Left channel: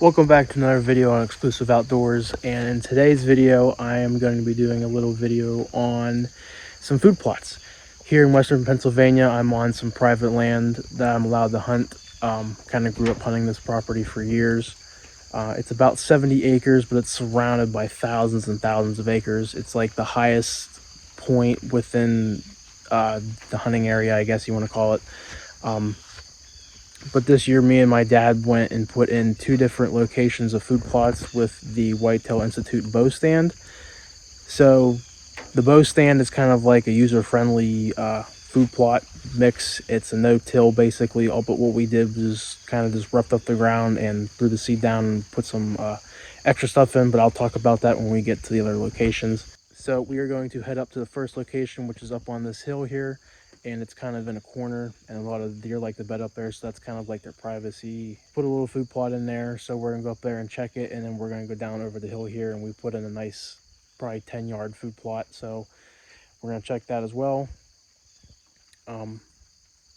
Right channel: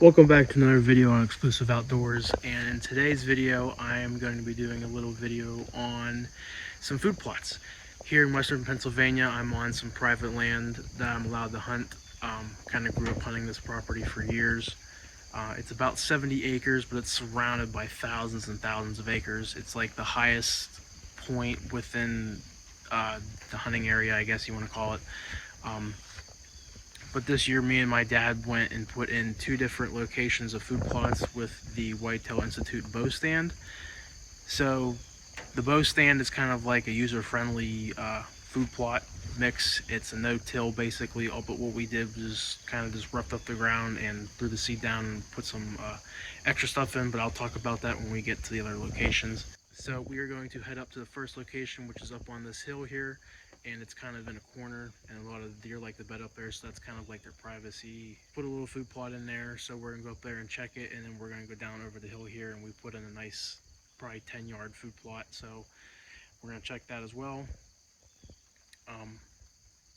Welcome back to another video on Exclusive Outdoors, and in today's video I am going to be doing a little video on some food plots. Here in Western Pennsylvania, I'm on some private land that I'm allowed to hunt. Kind of grew up hunting this property for years. It's about 70 acres, but it's surrounded by thousands and thousands of acres. It's like the highest point within the hunting area, I guess you want to call it. But this year, me and my dad went and put in two different locations of food plots with the Whitetail Institute bow stand. So the bow stand is kind of like a user-friendly food plot mix. It's a no-till basically, but what we did was kind of just roughed up the ground and threw the seed down and put some extra stuff in, but I'll talk about that when we get to the other locations. So we are going to head up to the first location, which is up on this hill here, and it's kind of in a corner, and a lot of deer like to bed up there, so that's kind of like their privacy. Put a little food plot in there, so we're gonna go up there and check it, and then we're gonna go down over the hill here, and we put in a nice, probably 10-yard food plot, so we're gonna check that as well.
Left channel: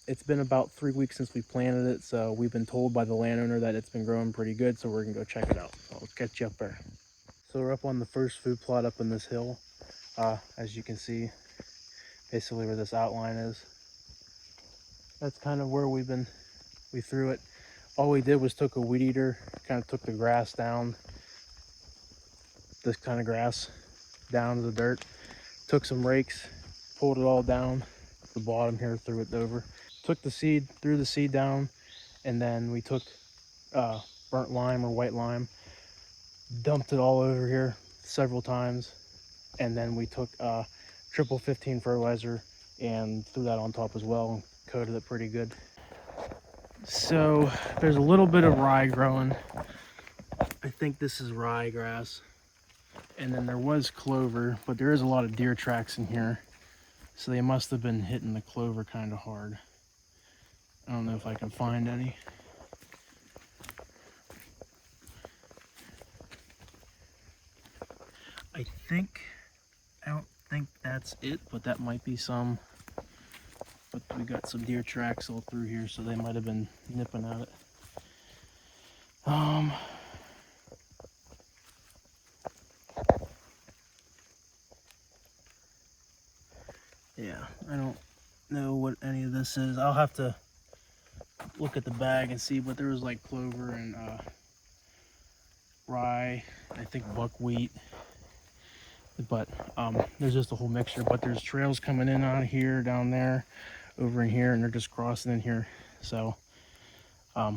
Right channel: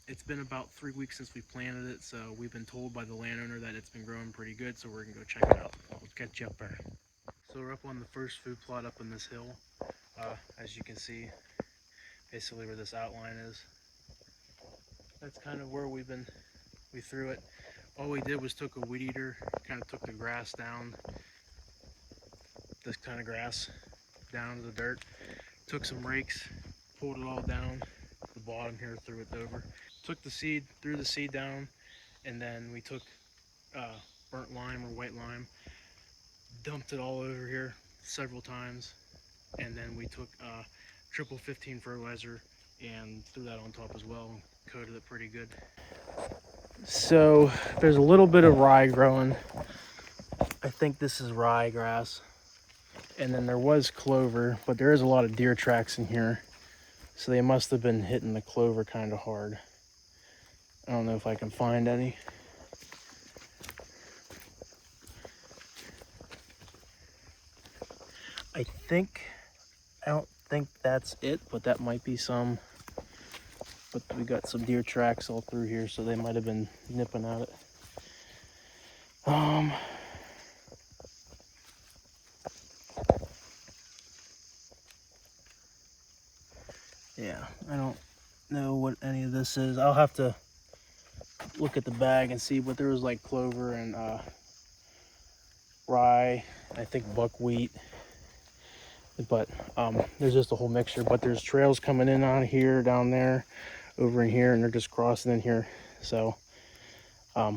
It's been about 3 weeks since we planted it, so we've been told by the landowner that it's been growing pretty good, so we're gonna go check it out. I'll catch you up there. So we're up on the first food plot up in this hill. As you can see, basically where this outline is. That's kind of where we threw it. All we did was took a weed eater, kind of took the grass down, this kind of grass down to the dirt, took some rakes, pulled it all down the bottom here, threw it over, took the seed, threw the seed down, and then we took burnt lime or white lime, dumped it all over here several times, and then we took triple 15 fertilizer and threw that on top as well and coated it pretty good. So there's a little bit of rye growing. I think this is ryegrass, and then there was clover, but there is a lot of deer tracks in here, so they must have been hitting the clover kind of hard. I don't know if I can find any. I don't think that's it, but that might be some. But we got some deer tracks all through here, so they might have been nipping at it. Yeah, I don't know what any of this is. I'll have to look at the bag and see, but there was like clover and rye, I think buckwheat, but there's just a whole mixture. But there's trails coming in on here, down there, over in here, and they're just crossing in here. So I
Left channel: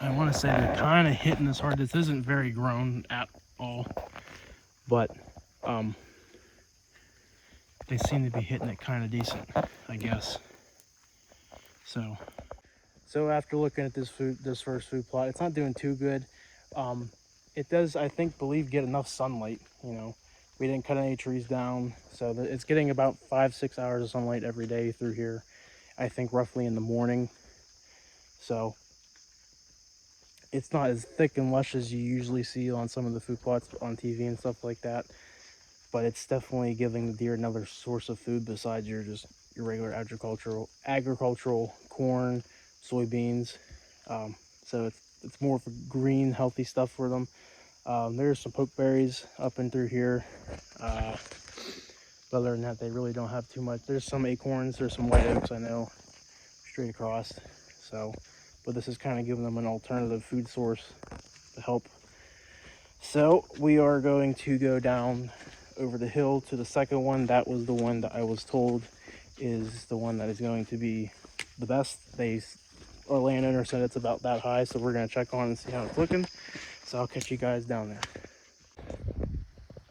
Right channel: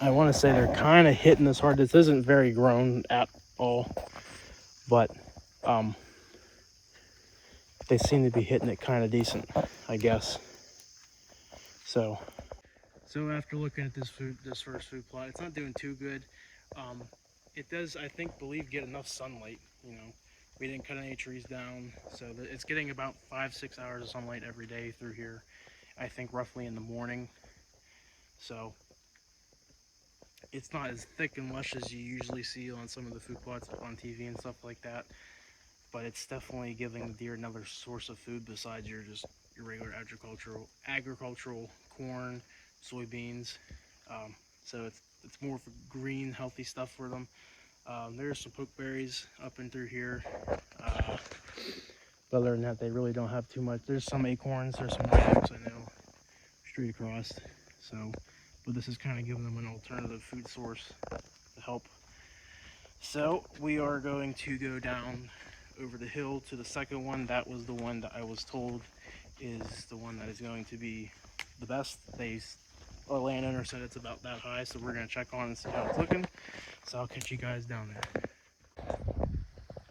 want to say they're kind of hitting this hard. This isn't very grown at all, but they seem to be hitting it kind of decent, I guess. So after looking at this first food plot, it's not doing too good. It does, I think, get enough sunlight. You know, we didn't cut any trees down, so it's getting about 5-6 hours of sunlight every day through here. I think roughly in the morning. So it's not as thick and lush as you usually see on some of the food plots on TV and stuff like that, but it's definitely giving the deer another source of food besides your regular agricultural corn, soybeans. So it's more of a green, healthy stuff for them. There's some pokeberries up and through here, but other than that, they really don't have too much. There's some acorns, there's some white oaks, I know, straight across. So, but this is kind of giving them an alternative food source to help. So we are going to go down over the hill to the second one. That was the one that I was told is the one that is going to be the best. Our landowner said it's about that high, so we're going to check on and see how it's looking. So I'll catch you guys down there.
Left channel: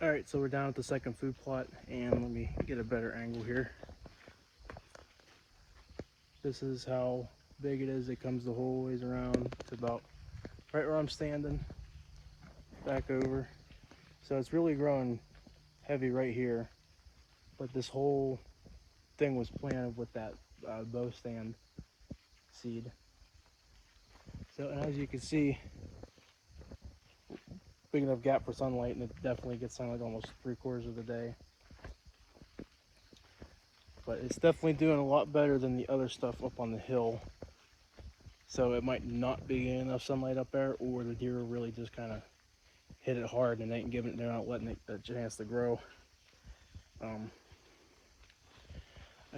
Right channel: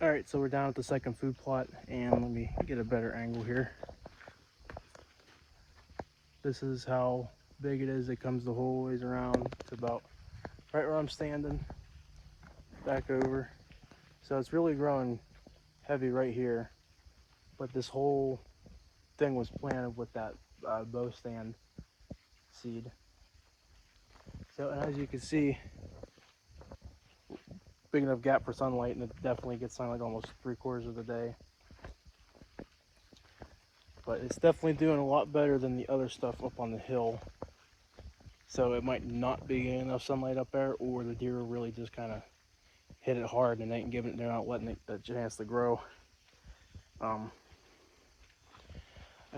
All right, so we're down at the second food plot, and let me get a better angle here. This is how big it is. It comes the whole ways around to about right where I'm standing, back over. So it's really growing heavy right here, but this whole thing was planted with that bow stand seed. So, and as you can see, big enough gap for sunlight, and it definitely gets sunlight almost 3/4 of the day. But it's definitely doing a lot better than the other stuff up on the hill. So it might not be getting enough sunlight up there, or the deer really just kind of hit it hard and they're not letting it the chance to grow. I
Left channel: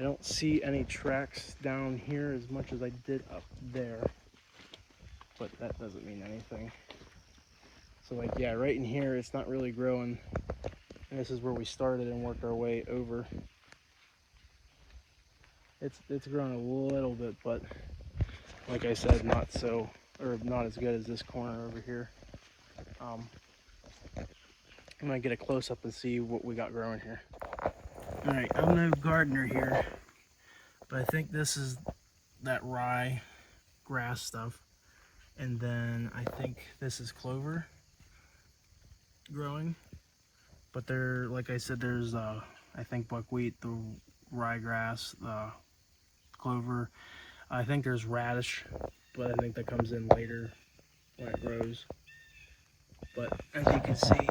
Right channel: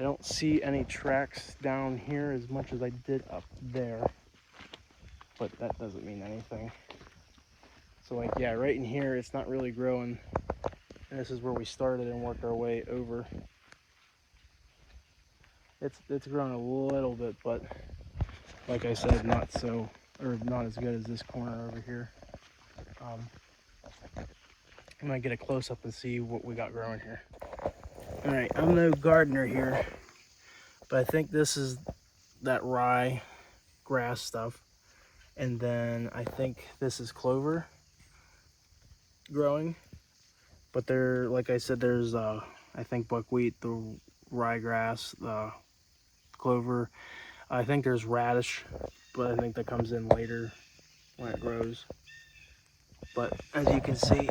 don't see any tracks down here as much as I did up there, but that doesn't mean anything. So like, yeah, right in here, it's not really growing. And this is where we started and worked our way over. It's grown a little bit, but like I said, not as good as this corner over here. I'm gonna get a close up and see what we got growing here. All right, I'm no gardener here, but I think this is that rye grass stuff. And then I think this is clover growing. But there, like I said, there's I think buckwheat, the ryegrass, the clover. I think there's radish, but I think that comes in later when it grows. But as you can see,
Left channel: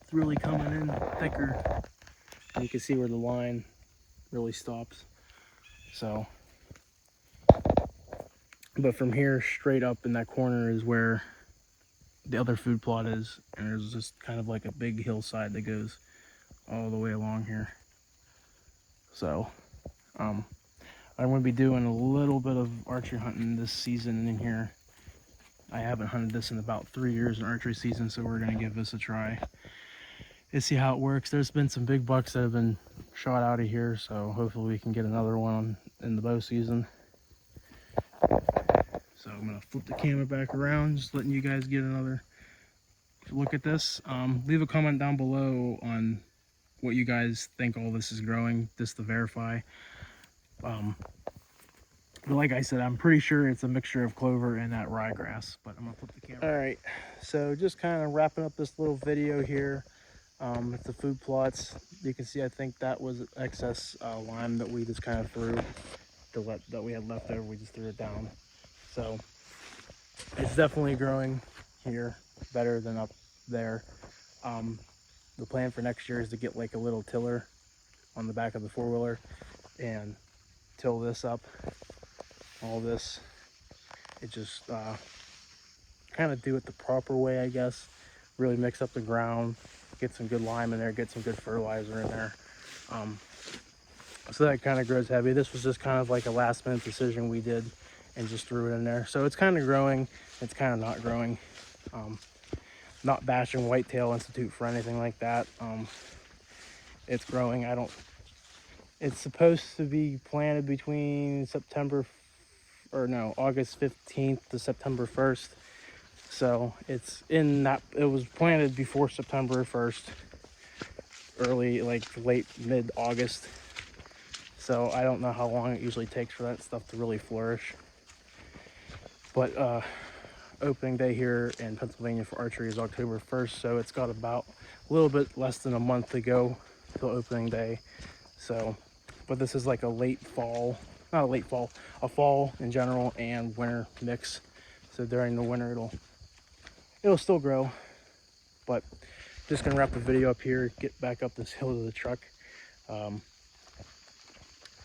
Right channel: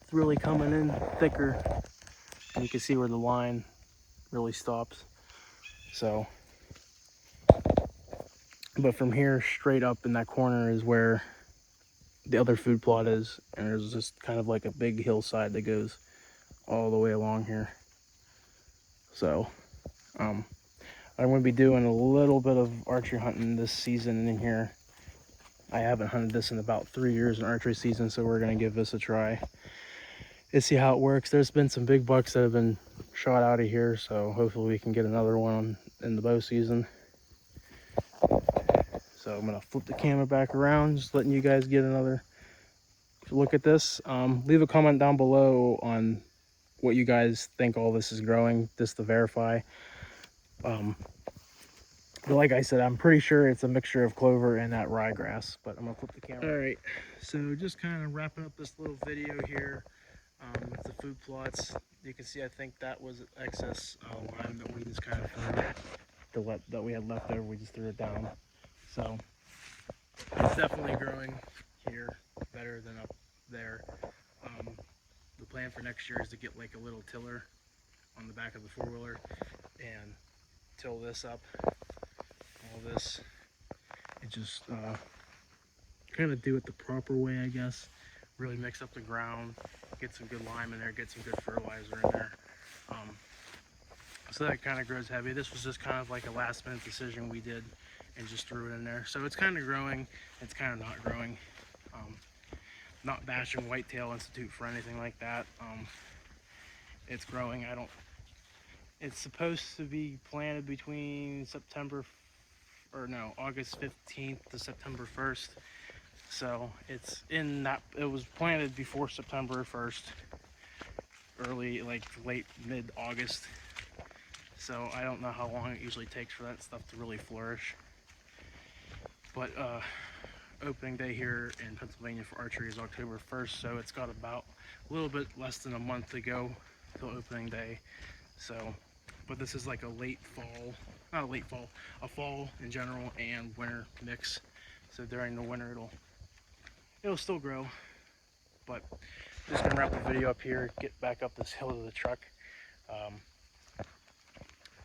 it's really coming in thicker. And you can see where the line really stops. So, but from here straight up in that corner is where the other food plot is, and there's just kind of like a big hillside that goes all the way along here. So I'm going to be doing a little bit of archery hunting this season in here. I haven't hunted this in about 3 years in archery season, so we're going to give this a try and see how it works. There's been some big bucks that have been shot out of here, so hopefully we can get another one in the bow season. So I'm going to flip the camera back around, just letting you guys get another look at this. Leave a comment down below on what you guys think all this is growing, just to verify. But like I said, I'm pretty sure it's a mixture of clover and that ryegrass, but I'm going to flip the camera. All right, so just kind of wrapping up this little video here. With the food plots, you can see I think that was excess lime that we just kind of threw, that we had left over, we just threw it down. So it's definitely growing here better than up there. The plan for next year is to get like a little tiller on the back of the four-wheeler and till this up, all this. It just kind of do it the proper way, I guess. Really mix up the ground, get some good lime in there, get some good fertilizer in there. So that kind of grows heavy. This was just kind of like a last minute decision we did and just threw it in there. So it's kind of growing, it's kind of not growing. Not bashing Whitetail Institute for anything like that. It's growing. It's supposed to be planted between August 15th to September 1st. So it's in that, it was planted before September 1st, early, like late mid-August. So I don't know how long it usually takes for that stuff to really flourish. But opening day here in Pennsylvania for archery is October 1st, so it's got about a little bit less than a month to go till opening day. So, but this is like a late fall, not a late fall, a fall in general and winter mix. So during the winter it'll still grow. But just gonna wrap the video up here, get back up this hill to the truck.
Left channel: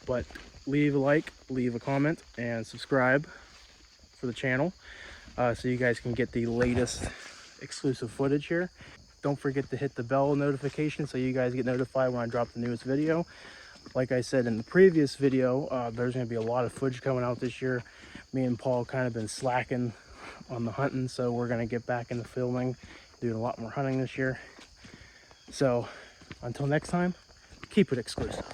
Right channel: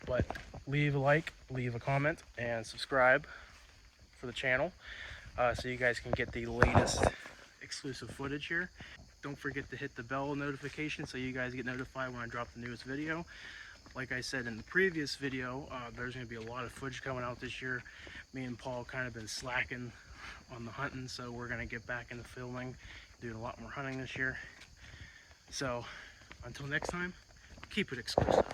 But leave a like, leave a comment, and subscribe for the channel, so you guys can get the latest exclusive footage here. Don't forget to hit the bell notification so you guys get notified when I drop the newest video. Like I said in the previous video, there's going to be a lot of footage coming out this year. Me and Paul kind of been slacking on the hunting, so we're going to get back into filming, doing a lot more hunting this year. So until next time, keep it exclusive.